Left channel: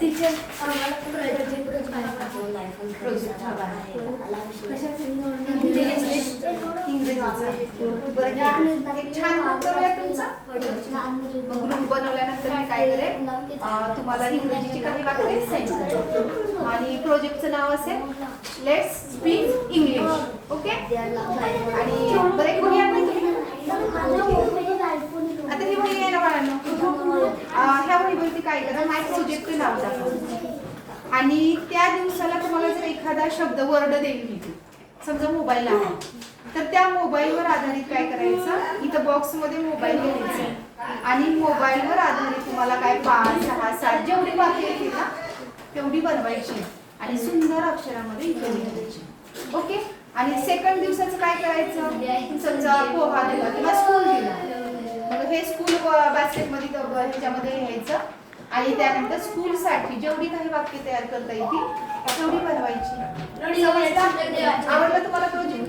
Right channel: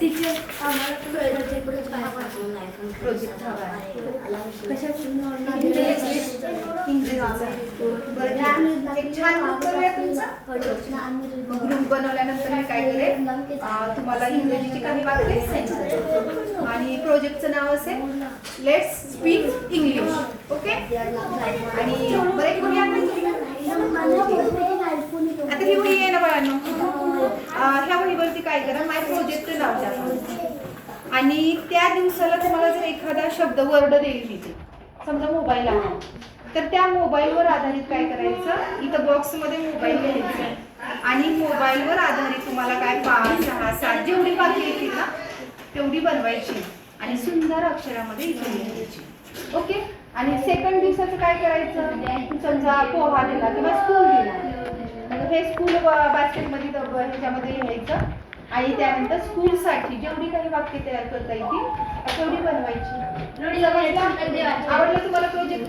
Teacher आम्हाला project हवा आहे. इंग्रजीचा. एक छान ग्रुप बनवूया तुमचा. ग्रुप बनवल्यानंतर मी काय करेन, तुम्हाला इंग्रजीची काही वाक्य सेंड करेन आणि प्रोजेक्टचं नाव असेल लेट्स स्पीक इंग्लिश. ओके. आणि बरं कोणी आणली आता ही वही आहे ना बाळांनो, ह्या वहीवरती काय करा, माय प्रोजेक्टचं नाव टाका आणि त्या दिवसाला तुम्हाला जर एखादा शब्द वर्ड देईल मी ते समजा मोबाईल आहे तर त्या मोबाईलवर आधारित काय करायचं, इथं बॉक्समध्ये मोबाईल घ्यायचा आणि मोबाईलवर आधारित तुम्हाला काय 5, 6, 7 जेवढी वाक्य येतील ना तेवढी बनवायची आणि सुंदर अक्षरामध्ये इथे लिहायची. ओके. आणि सेकंड दिवसाचं काय करायचं, समजा पोहा दिला किंवा स्कूल दिला, मग हे स्कूल बास्केटमध्ये ह्याच्यामध्ये लिहायचं आणि त्यानंतर स्कूलसाठी जेवढी काही वाक्य तयार करता येतील तेवढी बनवायची. आवडलं तुम्हाला प्रोजेक्ट?